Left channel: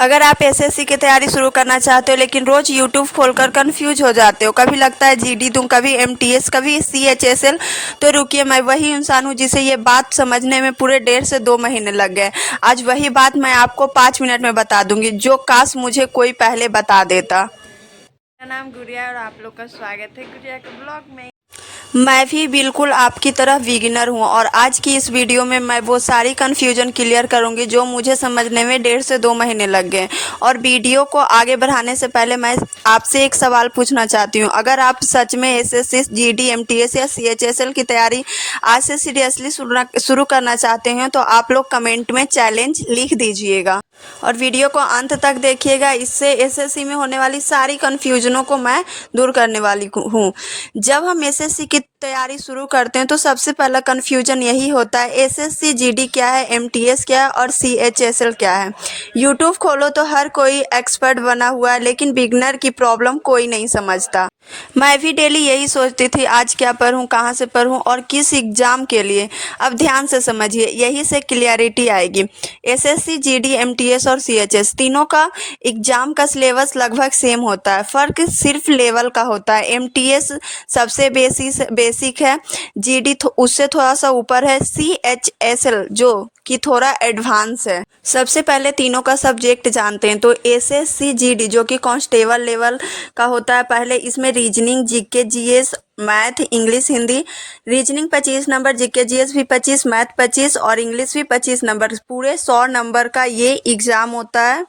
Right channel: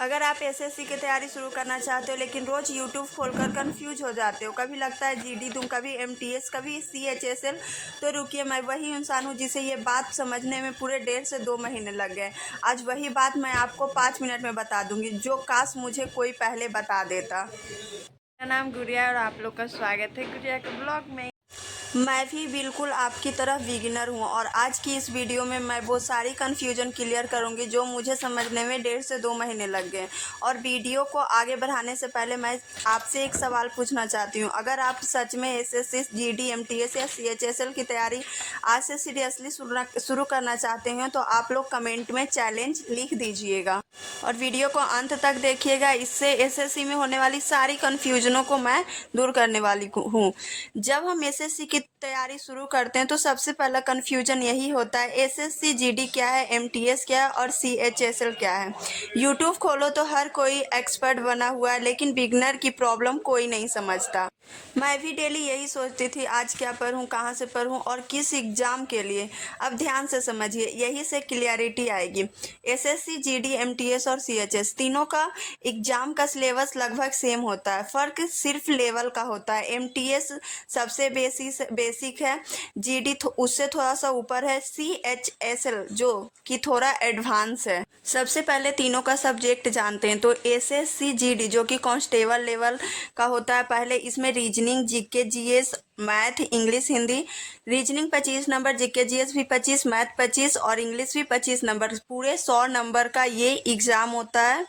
अगर आप एसएससी की तैयारी शुरू करना चाहते हो लेकिन रोज यूट्यूब खोलकर कंफ्यूज हो जाते हो, कभी लगता है जीडी दूं, कभी एमटीएस, कभी सीएचएसएल, तो रुकिए, मैं वही इंसान हूँ जिसे ये बात समझने में पूरे 1.5 से 2 महीने लग गए। आज वही बात मैं आपको 5 मिनट में बता दूंगी, जो काश मुझे कोई पहले बता देता। मेरा नाम गुड़िया और आप लोग का स्वागत है गुड़िया के ब्लॉग में। मैं भी बिल्कुल आपकी तरह बिगिनर हूँ और आज की इस वीडियो में मैं वो सारी कन्फ्यूजन क्लियर करूँगी जो मुझे समझने में 1.5 से 2 महीने लग गए। और वीडियो को आगे बढ़ाने से पहले मैं आपसे एक सवाल पूछना चाहती हूँ, अगर आप सच में एसएससी, जीडी, एमटीएस या सीएचएसएल की तैयारी आज से सीरियसली शुरू करना चाहते हैं तो आप लोग कमेंट में चैलेंज लिख दीजिएगा और वीडियो को अंत तक देखिएगा। इससे एसएससी में होने वाली सारी कन्फ्यूजनों को मैं दूर करने वाली हूँ। जब हम एसएससी की तैयारी शुरू करते हैं तो सबसे पहला कन्फ्यूजन यही होता है, एसएससी जीडी क्या है, एमटीएस क्या है और सीएचएसएल क्या है। यूट्यूब खोलो तो हर कोई एक्सपर्ट बना हुआ है लेकिन बिगनर की प्रॉब्लम कोई नहीं समझता। मैं भी डेली यही सोचती थी, आज क्या पढूं, कहाँ से पढूं और किस एग्ज़ाम के लिए। अब ध्यान से समझिए, यही से क्लियरिटी आएगी। एसएससी, जीडी, एमटीएस और सीएचएस तीनों का एग्ज़ाम का सिलेबस लगभग सेम होता है, फ़र्क सिर्फ लेवल का होता है। एमटीएस सबसे बेसिक है, जीडी उससे थोड़ा सा ऊपर है, सीएचएसएल जो कि थोड़ा एडवांस है। सबसे पहले तीनों का सब्जेक्ट जानते हैं। तो एसएससी जीडी जो कि कांस्टेबल लेवल का होता है, पहले इसमें reasoning, GK, GS, math, English, Hindi. Reasoning 25 number, GK GS भी 25, मैथ 25 और इंग्लिश भी 25 नंबर, पूरे 100 नंबर का ये एग्ज़ाम होता है।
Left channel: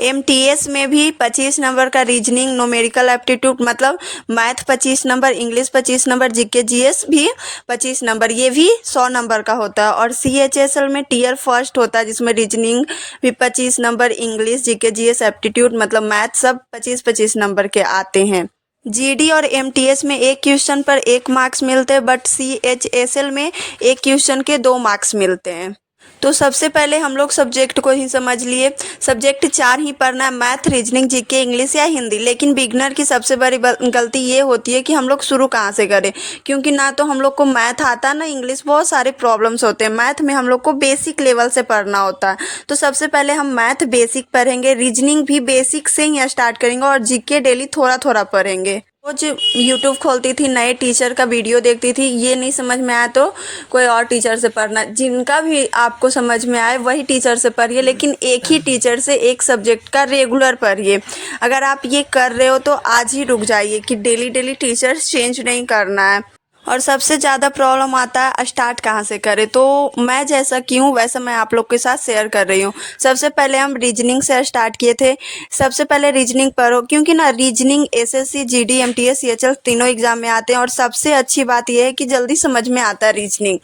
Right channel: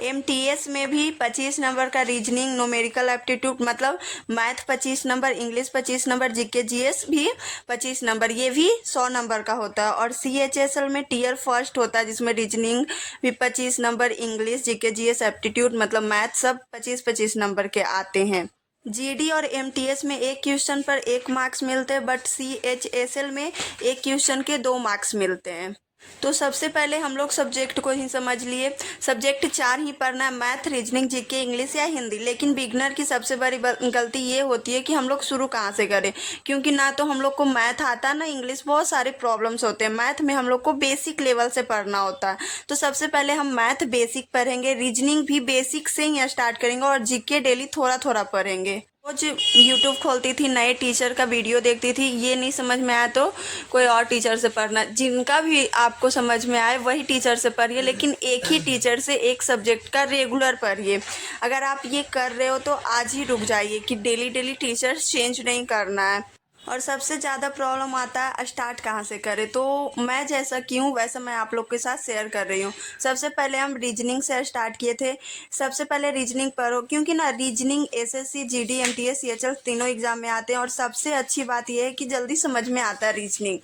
एमटीएस में भी 25 नंबर का रीजनिंग, न्यूमेरिकल एप्टीट्यूड मतलब math 25 number, English 25 number, GK GS भी 25 नंबर, ये भी 100 नंबर का होता है। और सीएचएसएल में टियर फर्स्ट होता है जिसमें रीजनिंग भी 25 number, English, GK GS, aptitude मतलब मैथ सब 25-25 नंबर के आते हैं। जीडी और एमटीएस में एक क्वेश्चन पर 1 मार्क्स मिलते हैं, बट सीएचएसएल में एक क्वेश्चन के 2 मार्क्स मिलते हैं। तो सबसे पहले हम लोग सब्जेक्ट को ही समझ लिए। सब्जेक्ट 4 ही पढ़ना है, मैथ, रीजनिंग, जीके, इंग्लिश या हिंदी। लेकिन बिगनर की सबसे बड़ी गलती ये होती है कि हम लोग शुरू कहाँ से करें, क्योंकि ना तो हम लोग को मैथ आता ना इंग्लिश, बहुत सारे प्रॉब्लम्स होते हैं। मैथ में हम लोग को बेसिक लेवल से पढ़ना होता है, तो सबसे पहले हम मैथ बेसिक पढ़ेंगे, रीजनिंग भी बेसिक से ही स्टार्ट करेंगे और जीके डेली थोड़ा थोड़ा पढ़ेंगे। रोज यूट्यूब खोलती थी, नए टीचर का वीडियो देखती थी, ये नहीं समझ में आया तो कोई और टीचर से पढ़ना, जिनका भी आपको समझ में आए वही टीचर से पढ़िए, लेकिन एक ही टीचर से एक सब्जेक्ट का रेगुलर पढ़िए। अगर आप ये कर रहे हो तो आज ही रुक जाइए कि डेली डेली टीचर्स चेंज नहीं करना है। और सबसे ज़्यादा प्रॉब्लम आता है स्टार्ट कहाँ से करें, तो मैं जैसा कि हूँ वैसा मैं आप लोग के साथ शेयर कर रही हूँ। सबसे पहले हम रीजनिंग से स्टार्ट किए थे। सबसे पहले रीजनिंग पढ़ो, क्योंकि ना reasoning SSC, GD, MTS, CHL तीनों एग्जाम में आते हैं और सबसे अच्छी बात यह है कि जल्दी समझ में आता है रीजनिंग।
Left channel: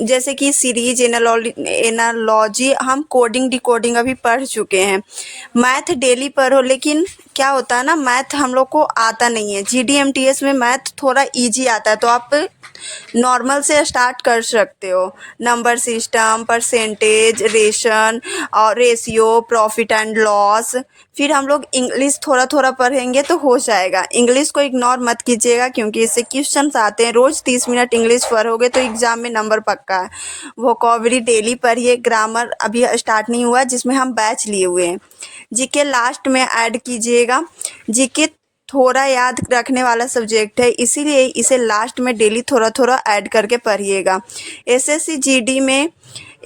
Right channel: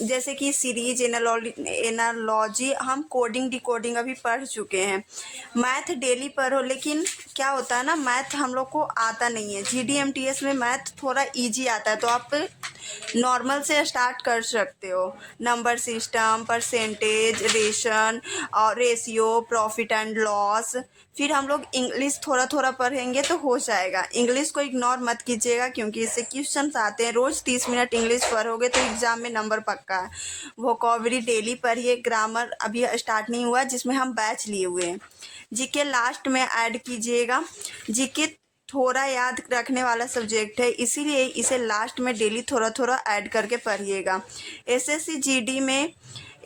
जैसे कि सीरीज, एनालॉजी, हम कोडिंग डिकोडिंग अभी पढ़ चुके हैं। मैथ डेली पढ़ो, लेकिन क्या होता है ना, मैथ हम लोग को आता नहीं है। जीडी एमटीएस में मैथ थोड़ा ईजी आता है, तो आप नॉर्मल से स्टार्ट कर सकते हो। नंबर सिस्टम, परसेंटेज, रेशन और रेशियो, प्रॉफिट एंड लॉस। फिर हम लोग इंग्लिश थोड़ा थोड़ा पढ़ेंगे तो हो जाएगा। इंग्लिश को इग्नोर मत कीजिएगा क्योंकि इससे क्वेश्चंस आते हैं। रोज़ 30 मिनट इंग्लिश पढ़ोगे तो एग्ज़ाम में नंबर पक्का है। वोकैबुलरी डेली पढ़िए। ग्रामर अभी स्टार्ट नहीं हुआ जिसमें हम बैच लिए हुए हैं। जीके लास्ट में ऐड कीजिएगा। जीके थोड़ा याद रखने वाला सब्जेक्ट है, इसीलिए इसे लास्ट में डेली थोड़ा थोड़ा ऐड करके पढ़िएगा। एसएससी जीडी में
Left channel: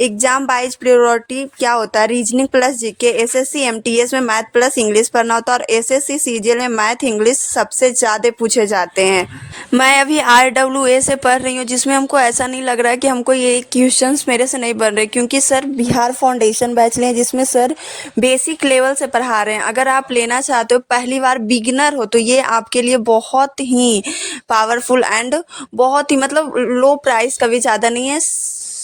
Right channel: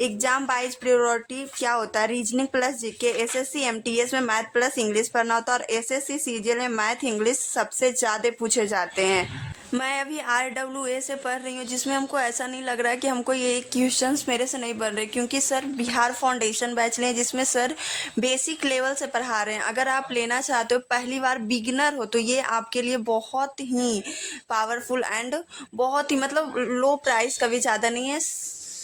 एग्जाम वाइज प्रायोरिटी क्या होता है, reasoning plus GK. SSC MTS में मैथ प्लस इंग्लिश पढ़ना होता है और एसएससी सीजीएल में मैथ इंग्लिश सबसे ज़्यादा पूछे जाते हैं। मैं अभी आरडब्ल्यूए से पढ़ रही हूँ, जिसमें हमको ऐसा नहीं लग रहा है कि हमको ये क्वेश्चंस मेरे से नहीं बन रहे, क्योंकि सर बिहार फाउंडेशन बैच लें जिसमें सर बेसिक लेवल से पढ़ा रहे हैं। अगर आप लेना चाहते हो, पहली बार बिगिनर हो, तो ये आपके लिए बहुत ही पावरफुल एंड बहुत ही मतलब लो प्राइस का भी ज़्यादा नहीं है,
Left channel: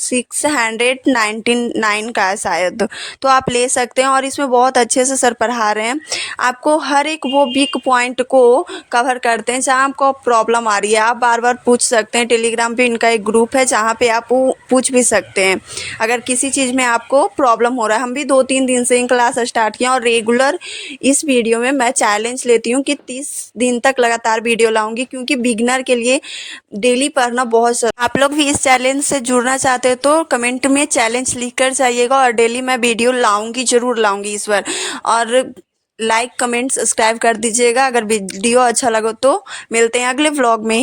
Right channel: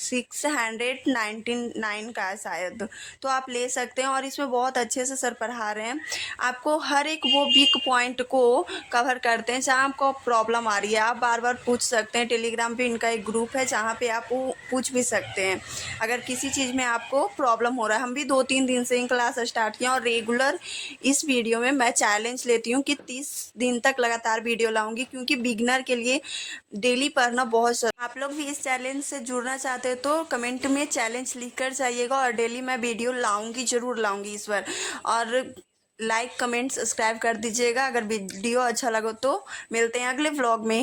699 का है शायद, तो आप ले सकते हैं। और इसमें बहुत अच्छे से सर पढ़ा रहे हैं, आपको हर एक वो वीक पॉइंट को कवर करते हैं जहाँ आपको प्रॉब्लम आ रही है। आप बार बार पूछ सकते हैं। टेलीग्राम पे इनका एक ग्रुप है जहाँ पे आप पूछ भी सकते हैं अगर किसी चीज़ में आपको प्रॉब्लम हो रहा है। हम भी 2-3 दिन से इन क्लास स्टार्ट किया और रेगुलर इस वीडियो में मैं चैलेंज लेती हूँ कि 30 दिन तक लगातार वीडियो लाऊंगी, क्योंकि बिगनर के लिए डेली पढ़ना बहुत आप लोग भी इस चैलेंज से जुड़ना चाहते हैं तो कमेंट में चैलेंज लिख कर जाइएगा और डेली मैं वीडियो लाऊंगी, ज़रूर लाऊंगी इस बार। और लाइक कमेंट सब्सक्राइब कर दीजिएगा अगर वीडियो अच्छा लगे तो। मिलते हैं अगले व्लॉग में।